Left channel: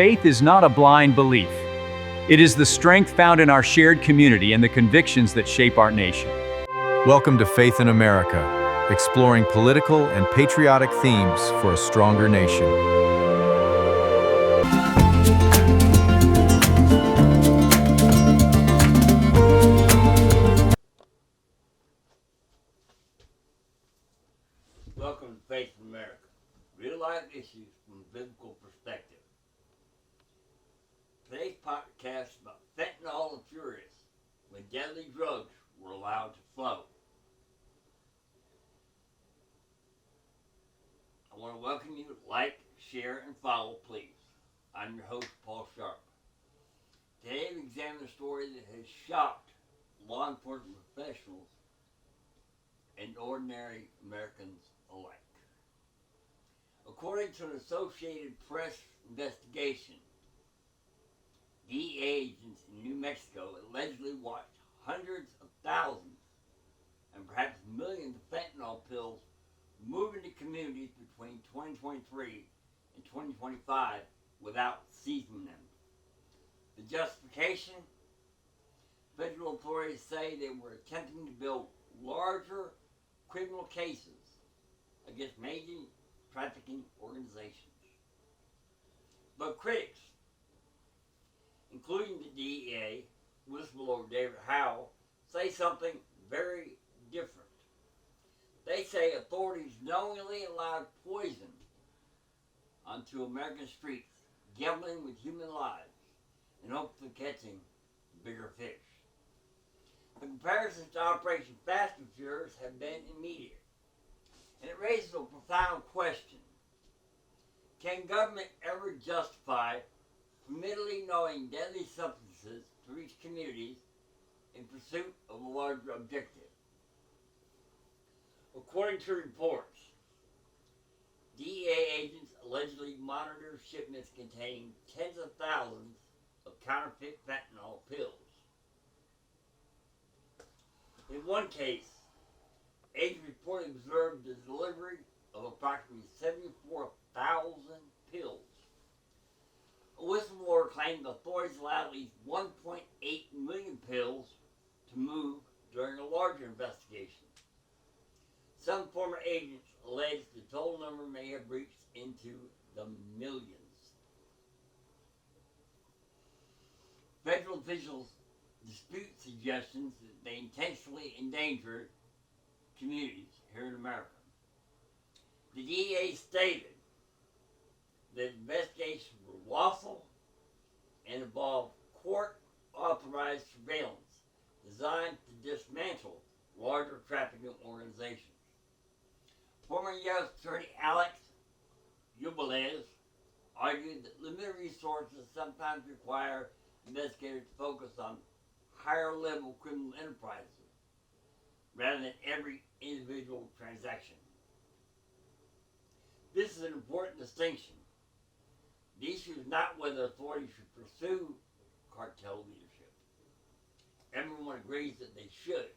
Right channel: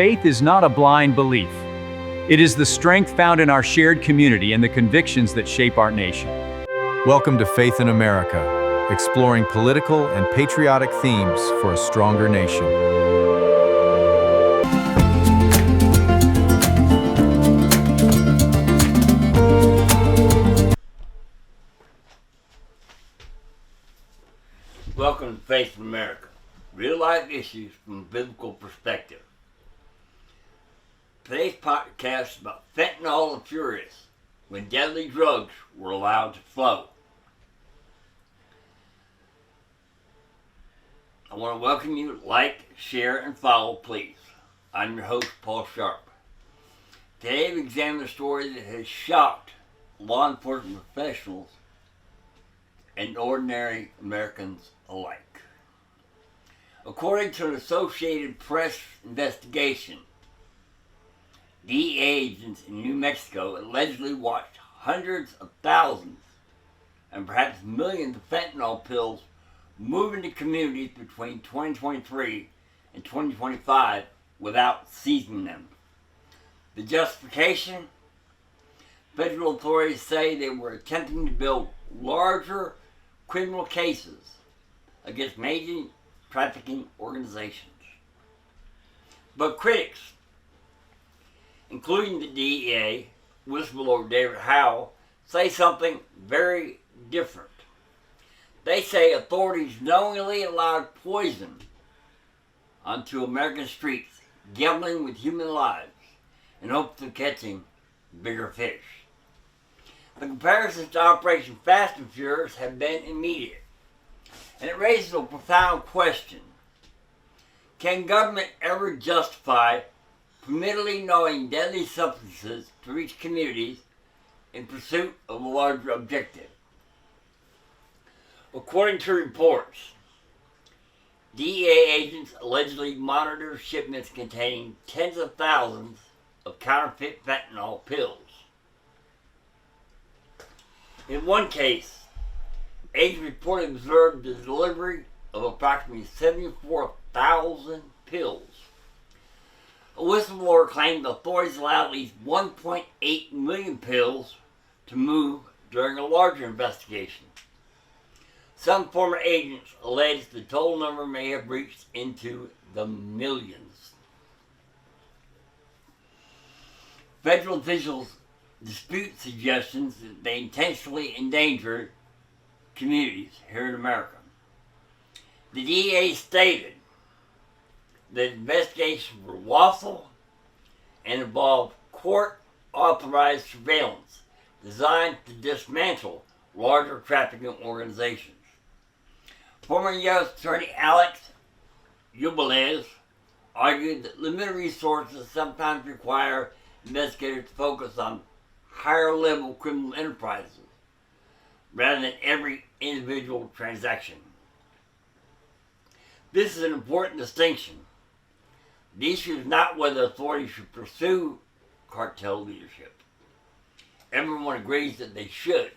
faith is not a blind belief. It is the strength found in our shared community and the convictions that shape our nation. Welcome to Faith in America, exploring political and patriotic themes for a stronger nation. Welcome to Faith in America, real-life issues from a biblical perspective. Today's podcast is about fentanyl and furious, when deadly drugs were allowed to flow. I want to welcome you to like, share, and follow, please. I'm your host, Paul Sharp. Today we examine a story that has shocked law enforcement professionals and ordinary Americans alike. According to an Associated Press investigation, DEA agents in New Mexico allegedly watched hundreds of thousands and perhaps millions of fentanyl pills move into communities between 2023 and 2025 without seizing them. The justification? Federal authorities say they were attempting to build larger criminal cases against major trafficking organizations. But critics, including the DEA, whistleblower David Howell, say something very different. They say authorities knowingly allowed poison onto American streets, gambling with human lives in hopes of catching bigger fish. The comparisons to Operation Fast and Furious have been immediate, and it raises a profound question. Can government ever justify permittently knowing deadly substances to reach communities in pursuit of a larger objective? According to reports, DEA agents allegedly monitored shipments containing tens of thousands of counterfeit fentanyl pills. In one case, agents reportedly observed the delivery of approximately 74,000 pills. A whistleblower claimed authorities allowed at least 1.8 million pills to move during a larger investigation. Some former agents alleged the total number may have reached into the millions. Federal officials dispute suggestions that they intentionally endangered communities here in America. The DEA stated that investigations were lawful and involved court-authorized surveillance designed to dismantle larger trafficking organizations. Former U.S. Attorney Alex Ubalez argued that limited resources sometimes require investigators to focus on higher-level criminal enterprises rather than every individual transaction. This is an important distinction. The issue is not whether authorities should pursue cartel leadership. Everyone agrees that they should.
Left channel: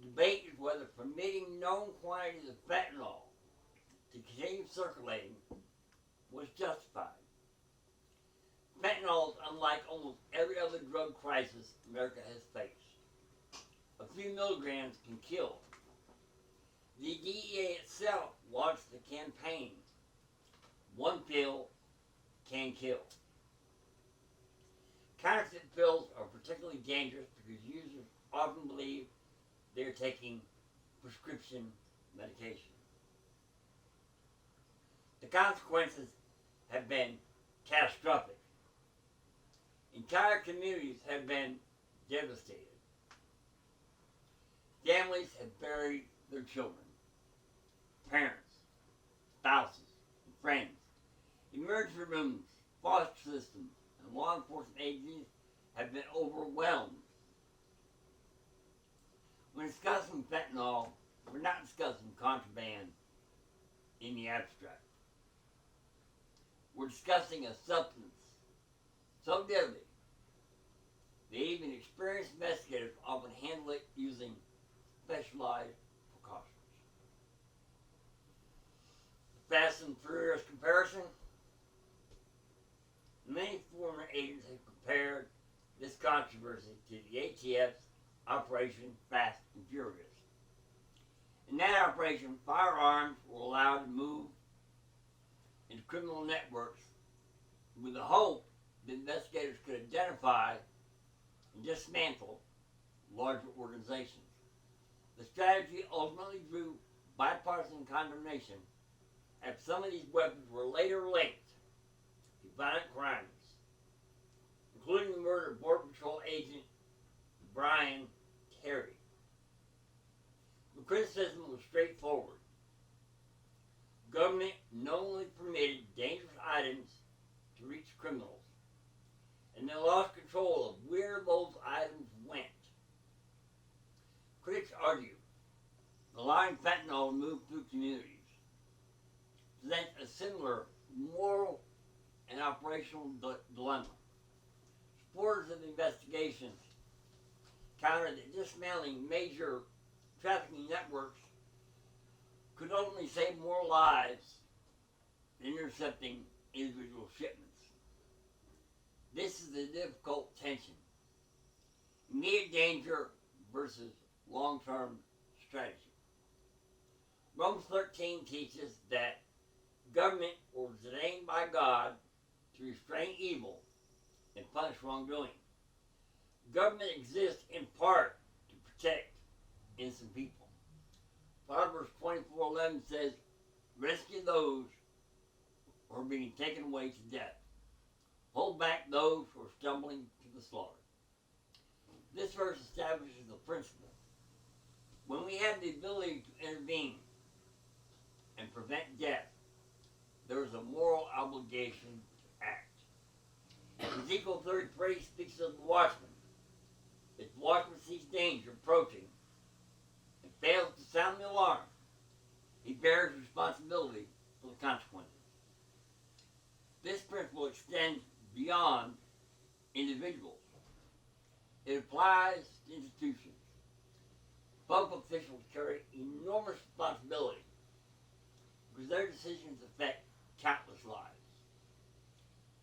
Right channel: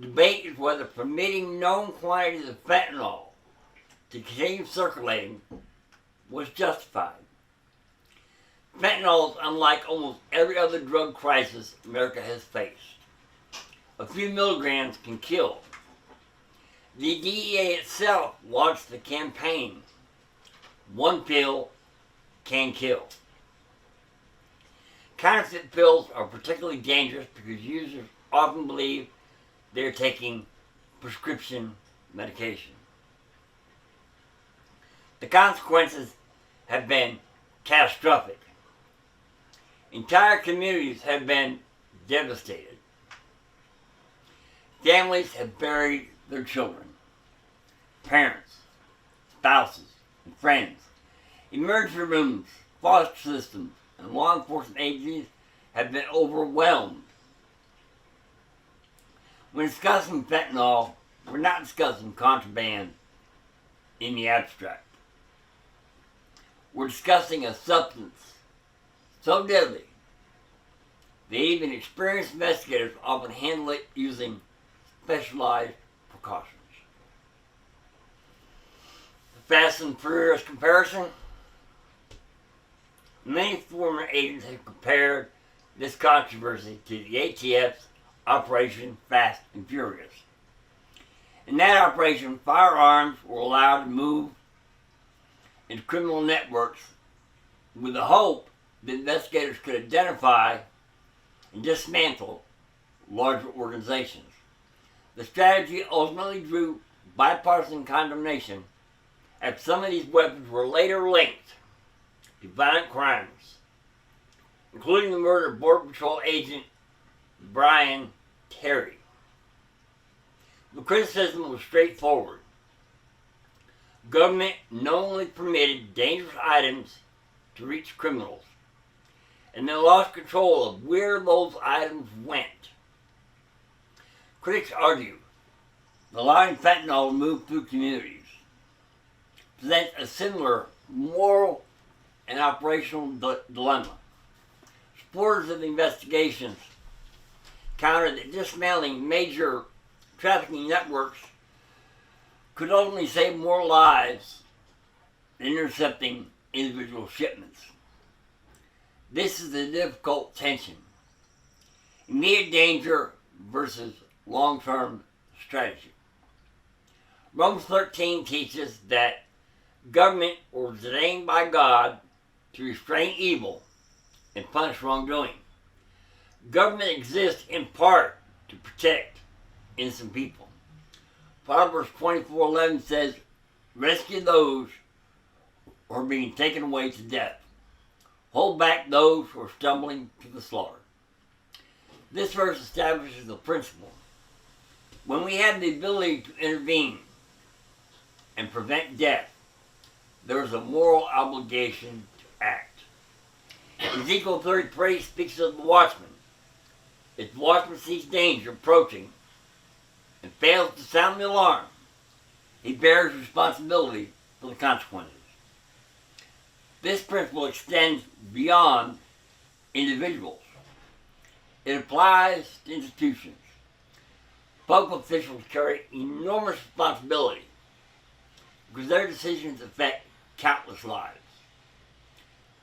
The debate is whether permitting known quantities of fentanyl to continue circulating was justified. Fentanyl is unlike almost every other drug crisis America has faced. A few milligrams can kill. The DEA itself launched the campaign, "One pill can kill." Counterfeit pills are particularly dangerous because users often believe they're taking prescription medication. The consequences have been catastrophic. Entire communities have been devastated. Families have buried their children. Parents, spouses, and friends, emergency rooms, foster systems, and law enforcement agencies have been overwhelmed. When discussing fentanyl, we're not discussing contraband in the abstract. We're discussing a substance so deadly that even experienced investigators often handle it using specialized precautions. The Fast and Furious comparison? Many former agents have compared this controversy to the ATF's Operation Fast and Furious. In that operation, firearms were allowed to move into criminal networks with the hope that investigators could identify and dismantle larger organizations. The strategy ultimately drew bipartisan condemnation, as some of these weapons were later linked to violent crimes, including the murder of Border Patrol agent Brian Terry. The criticism was straightforward. Government knowingly permitted dangerous items to reach criminals, and they lost control of where those items went. Critics argue allowing fentanyl to move through communities presents a similar moral and operational dilemma. Supporters of the investigations countered that dismantling major trafficking networks could ultimately save more lives than intercepting individual shipments. This is a difficult tension. Immediate danger versus long-term strategy. Romans 13 teaches that government was ordained by God to restrain evil and punish wrongdoing. Government exists in part to protect innocent people. Proverbs 24:11 says, "Rescue those who are being taken away to death. Hold back those who are stumbling to the slaughter." This verse establishes the principle. When we have the ability to intervene and prevent death, there is a moral obligation to act. Ezekiel 33 speaks of the watchman. If the watchman sees danger approaching and fails to sound the alarm, he bears responsibility for the consequences. This principle extends beyond individuals. It applies to institutions. Public officials carry enormous responsibility because their decisions affect countless lives.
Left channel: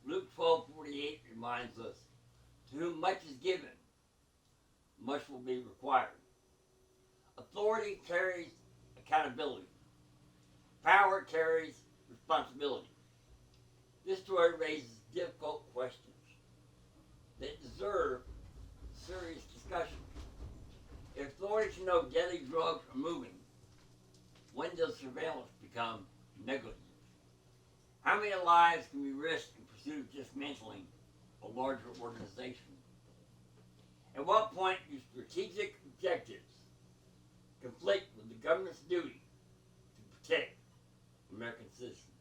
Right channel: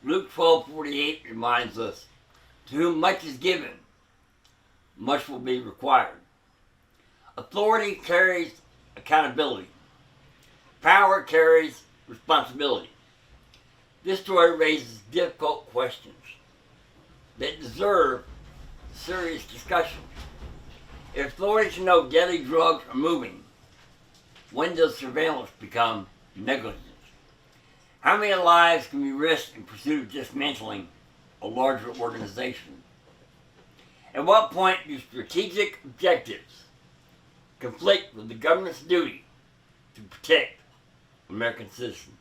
Luke 12:48 reminds us, "To whom much is given, much will be required." Authority carries accountability. Power carries responsibility. This story raises difficult questions that deserve serious discussion. If authorities know deadly drugs are moving, when does surveillance become negligence? How many lives can be risked in pursuit of dismantling a larger organization? At what point do strategic objectives conflict with the government's duty to protect American citizens?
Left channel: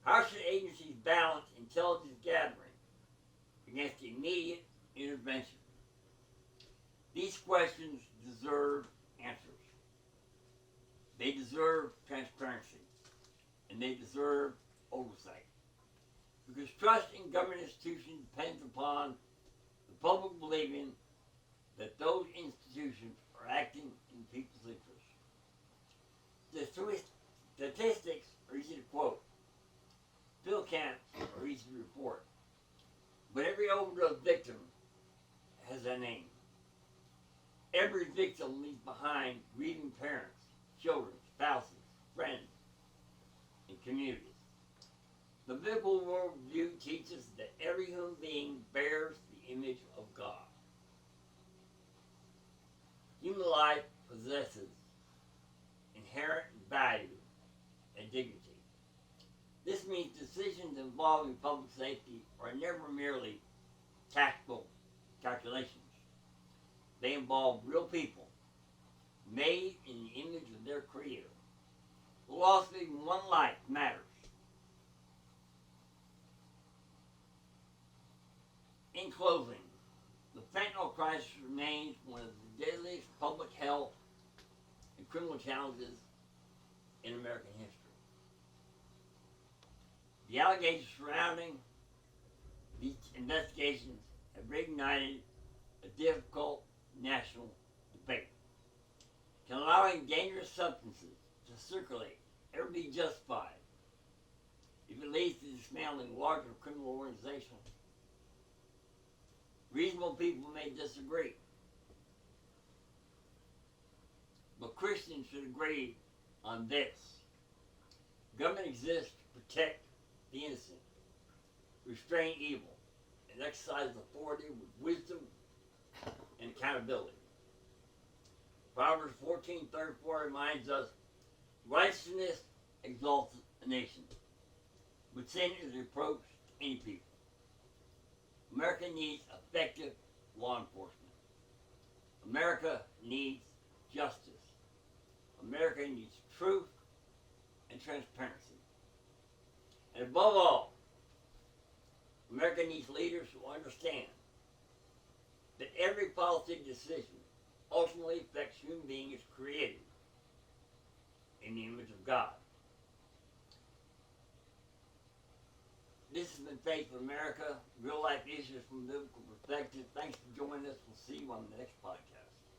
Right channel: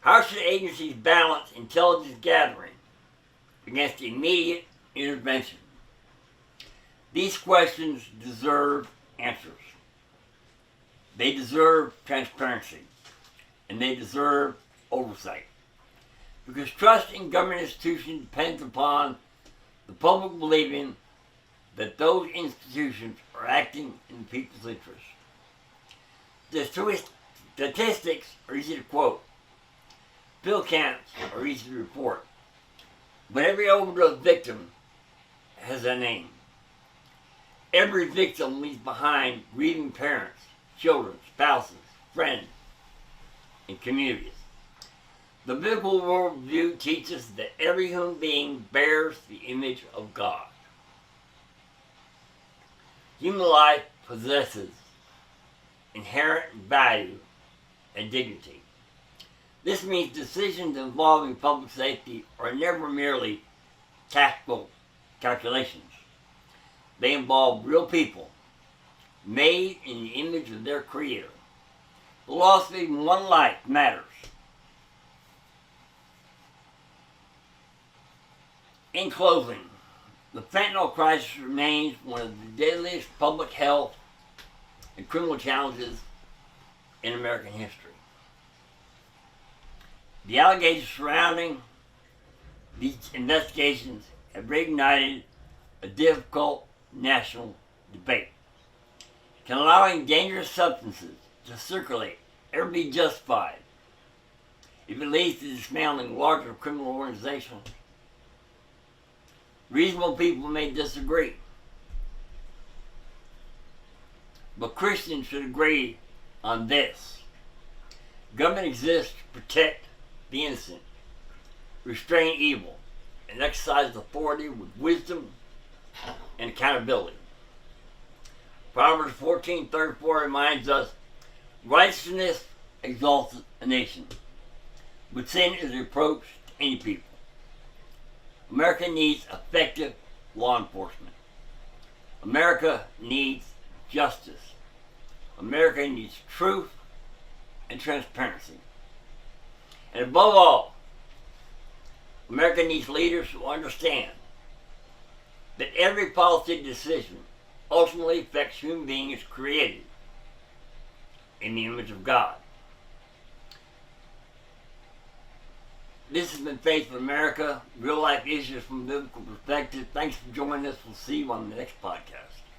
How should agencies balance intelligence gathering against immediate intervention? These questions deserve answers. They deserve transparency, and they deserve oversight. Because trust in government institutions depends upon the public believing that those institutions are acting in the people's interest. The statistics are easy to quote. Pill counts are easy to report. But every overdose victim has a name. Every victim leaves behind grieving parents, children, spouses, friends, and communities. The biblical worldview teaches that every human being bears the image of God. Human life possesses inherent value and dignity. This means decisions involving public safety are never merely tactical calculations. They involve real people, made in the image of their Creator. The loss of even one life matters. In closing, the fentanyl crisis remains one of the deadliest public health and criminal challenges in American history. The allegations surrounding these investigations have reignited a difficult national debate. Can allowing dangerous substances to circulate ever be justified? if it leads to dismantling larger criminal organizations. Reasonable people may disagree, but Christians should agree on this. Government exists to protect the innocent, restrain evil, and exercise authority with wisdom and accountability. Proverbs 14:34 reminds us, righteousness exalts a nation, but sin is a reproach to any people. America needs effective law enforcement. America needs justice. America needs truth and transparency. And above all, America needs leaders who understand that every policy decision ultimately affects human beings created in the image of God. This has been Faith in America, real life issues from a biblical perspective. Thanks for joining us. We'll see you on the next podcast.